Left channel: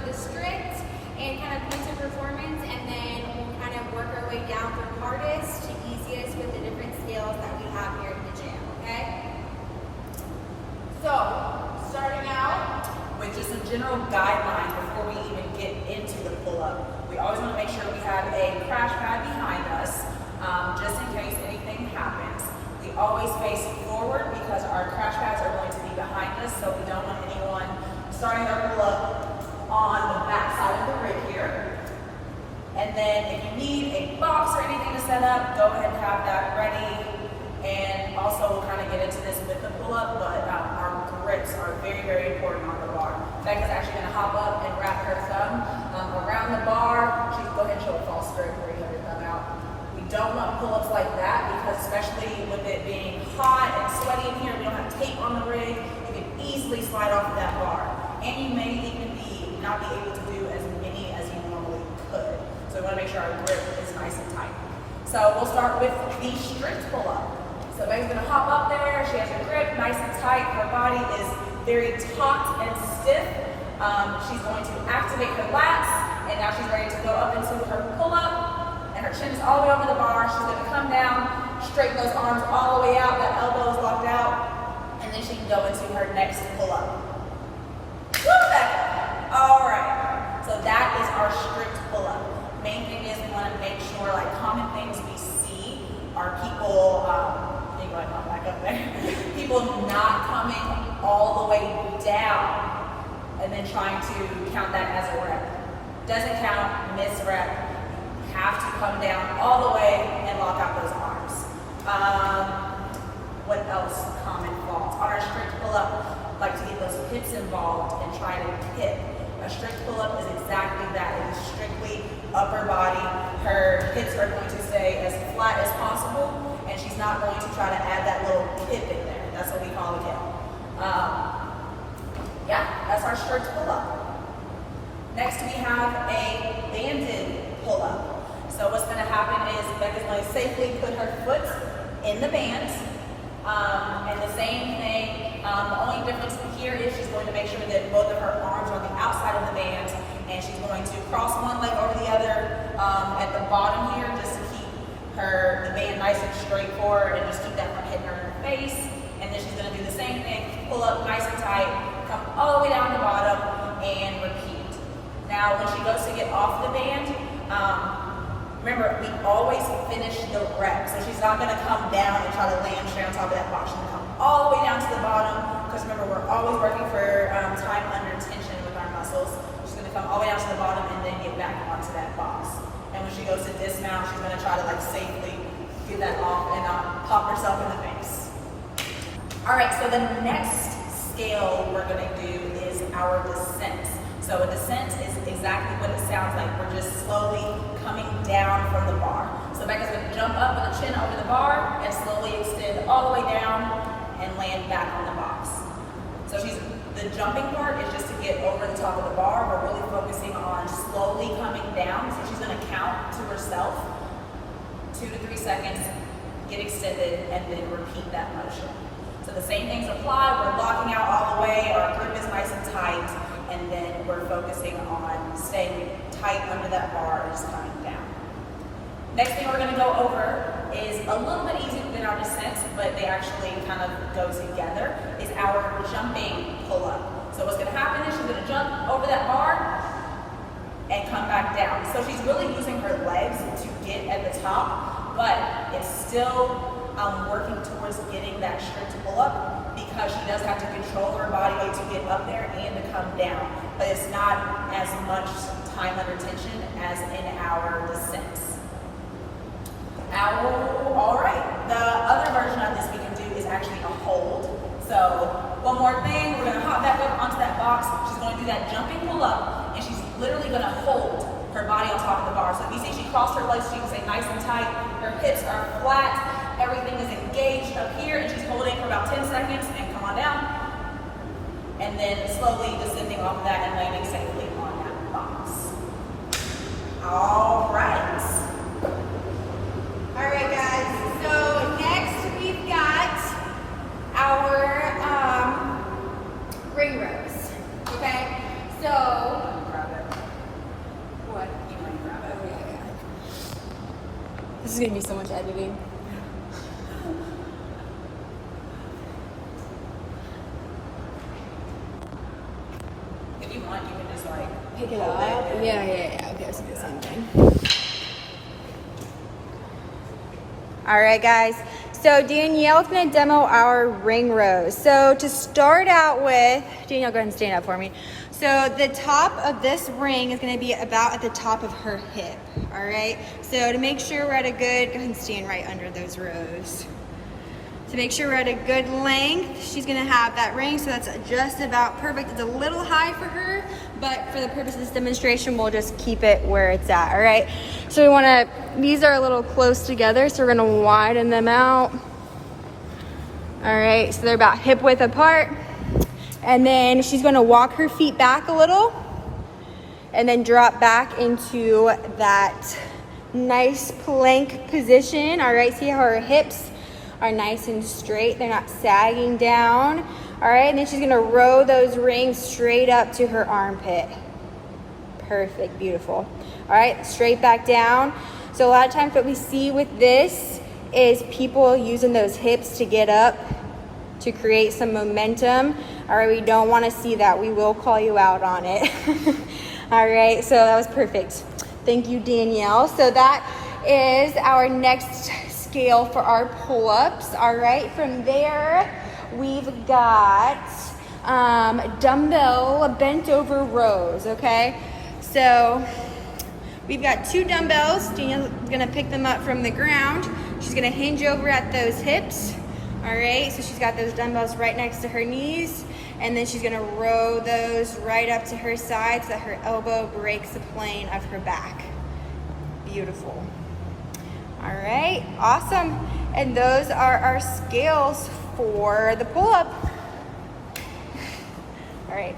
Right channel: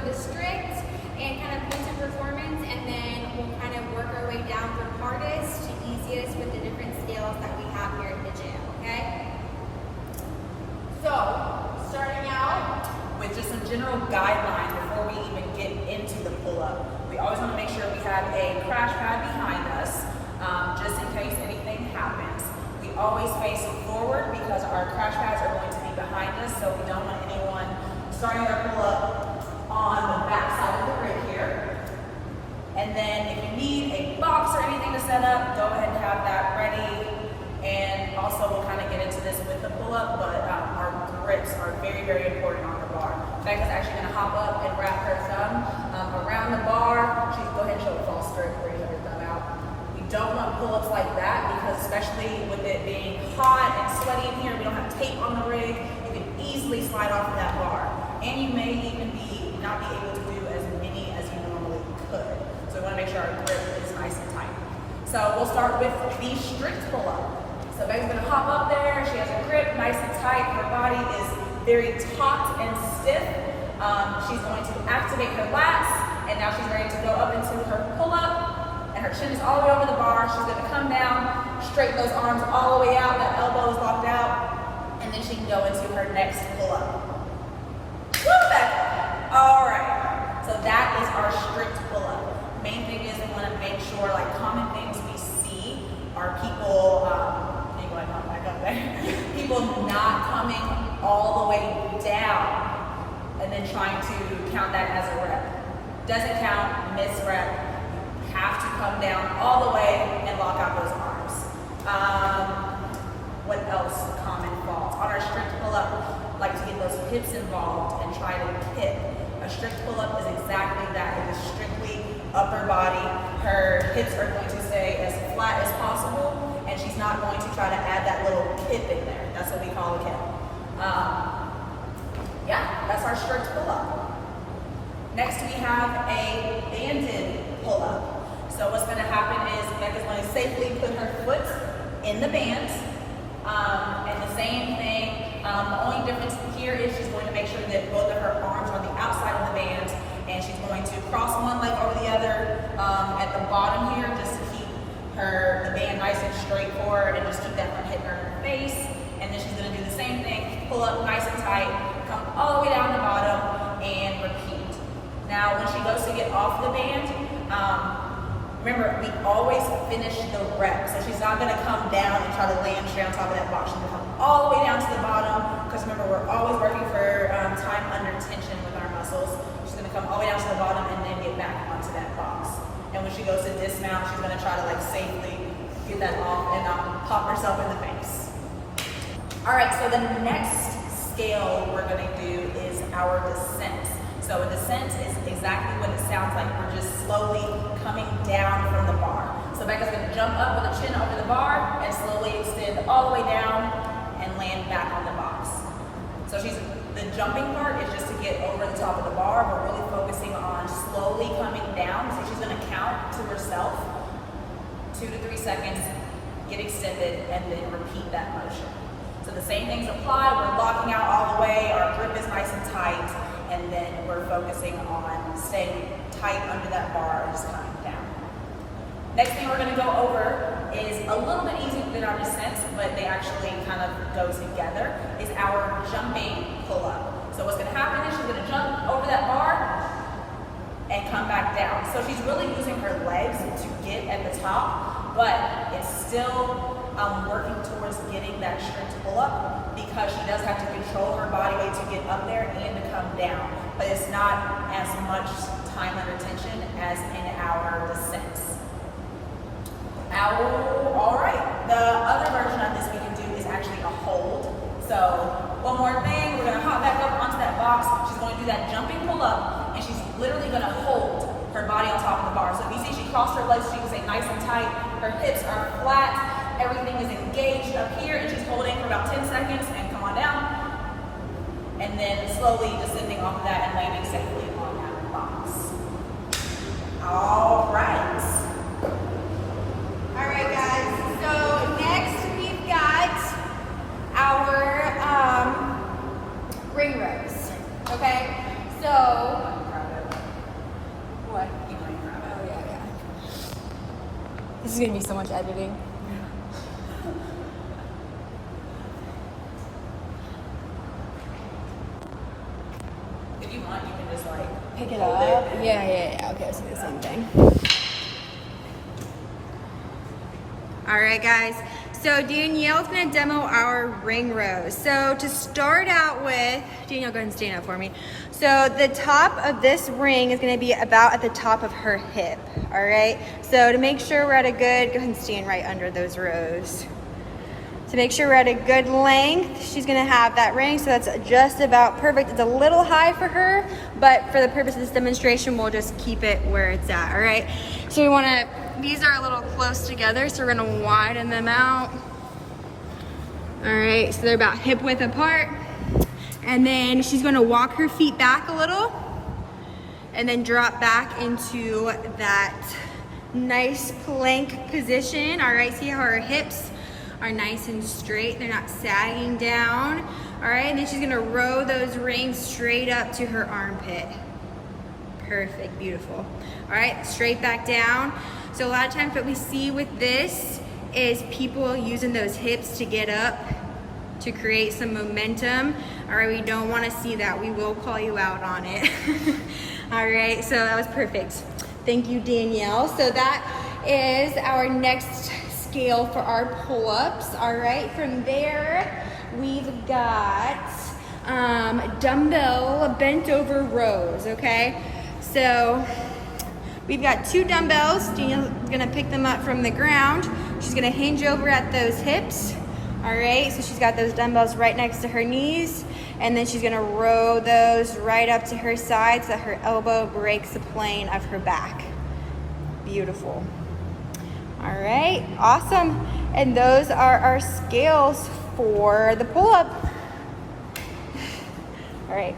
for the strict and kind of mental performance, and then we'll kind of work our way down from hardest to easiest with the different scales that we have here at the gym, okay? So, starting out with just some general guidelines before we even get into the pull-up. We always want to make sure we have a crash pad behind us, just in case anything happens. We always face forward because our crash pads are going to be behind us, so we don't want anyone starting our pull-up on the back side of the rig here. And then if you need a box or anything to set up, go ahead and have that ready. And also we'll kind of get into this with the pull-up, but our grips are very, very important on the bar. Becca's actually going to hop up and wrap her thumb around the bar. She's go ahead and show a false grip where you have your thumb out. We don't want pull-ups like that because especially with it being hot and sweaty in here, we don't have tape on the rig, you can easily slide off of that bar. And you may even not be able to do as many as you normally could. So we want to make sure our grip is nice and tight. So we'll start with the strict pull-up. So Becca's gonna hop up there, she has her grip nice and tight, her body is very taut and stiff. She's going to activate her lats, and now she's ready to go up into her pull-up, and her chin is all the way over the bar. She's gonna come down, straighten those arms all the way out, that elbow is locked out, and then she can go into her next pull-up. Woo, Becca! All right, so that is our strict pull-up. Main thing is we wanna make sure, like common things we see are people, back up there. People not coming all the way down and then trying to count that as a rep. Doesn't count, miss rep. Have to come down all the way and lock out those arms. What else? Common faults. On our strict pull-up, like to get those hips involved and try to hip. A strict pull-up is exactly that. It is strictly upper body. Her hips are going to stay as flat as possible, and she's not going to try to add that little kip in there. That's what we call a kip. Yeah, that's our strict pull-up. Next we have a banded pull-up. So what's gonna happen is Becca's going to safely put her foot in the band. And the same thing, the only difference here is she's going to make sure that both of her arms are on the outside of the band, and she's going to cross one leg over the other at the bottom here just to keep the band nice and straight forward and just keep that from hitting her in her face. And then she's gonna do the same thing, pull up nice and tight, come all the way down the bottom and repeat. Now when she goes to get off the band, remember we always finish the rep. So she's not gonna come down and try to land straight on top of that box. She's gonna come all the way down to the bottom, because remember we're always working for time under tension with our muscles. She's gonna come all the way down to the bottom and then get back onto that box. And when she goes to dismount, she's gonna try to like safely get that off and not pop herself in the face. All right, so the next scale we're gonna do is our descent. So a descent is exactly what it sounds like. We're just slowly coming down from the bar. So Becca's gonna jump up with her chin over the bar and slowly extend all the way down and land back on the box. So the jumping part is just to get over the top of the bar. We're really focusing on slowly coming down. So she's gonna count to herself, 2 to 3 seconds, get extended, and then repeat that motion. So the same things apply. We're locking out all the way, our grip is nice and tight, and then we're focusing on staying tight under that bar and just coming down. Next thing we're gonna go over is a little bit easier than our descents, but they actually kind of go together, is our jumping pull-up. So what's gonna happen is she's gonna jump over that bar and come back down. So she's really using her legs to get at the top, but it's still working towards getting that strict pull-up because she does have to control her body weight to get up there and to come down. But it's not as much time under tension as in our descents. All right, the other version of this we can do is actually a hold. So one more thing, we're gonna hop back up onto that box. She's gonna do that jumping pull up, and she's literally gonna hold her body on top of the bar. So if you see she crossed her legs, she can stay nice and tight. Her hips are flat, everything is engaged up here, and she's holding for about 10 seconds and come on down. And then slowly descending off of that and landing safely on that box. All right. All right, guys, so next we've got our ring rows, okay? So is gonna be so much editing. If you want, you can just like Pick it hold up. it. Yeah. Okay, let's do the same thing. All right, guys. So Danielle's gonna demo our ring rows. So to start out with, Danielle, go ahead and stand up for me. So the top of this ring is gonna be about at the top of her hip, all right? So to make sure we're at a good, go ahead and stand right under those rows. To make sure we're at a good length, she's gonna have that ring, so that's just about perfect. It's a little high for her, but for the purpose of this demonstration, we'll just keep it where it's at, all right? So we wanna, these are a little close together, so we're gonna widen them out. All right, so they're about hip width apart. And then she's gonna walk her feet back a little and then drop back into that nice plank position. All right, see how her hips are nice and straight. They're not sagging down. All right, and then she's gonna row those rings straight up to her armpit. Perfect, beautiful. All right, straight back down. So a lot of times what we see with this is people using those hips to get up to create some momentum. All right, we don't wanna see that. We will call you out on it. All right, so that was perfect. Thank you, Danielle. So that is our next scale for our pull-ups. All right, from there, we've got dumbbell bent over rows, okay? So we've got 2 dumbbells. Danielle's gonna pick them up from the ground. She's gonna hinge over at those hips. All right, so she's got those dumbbells right next to her knees, and then she's gonna row those right up to her side so that her elbow breaks the plane of her back. Beautiful. All right, awesome. And those are our scales for the pull-up. All right.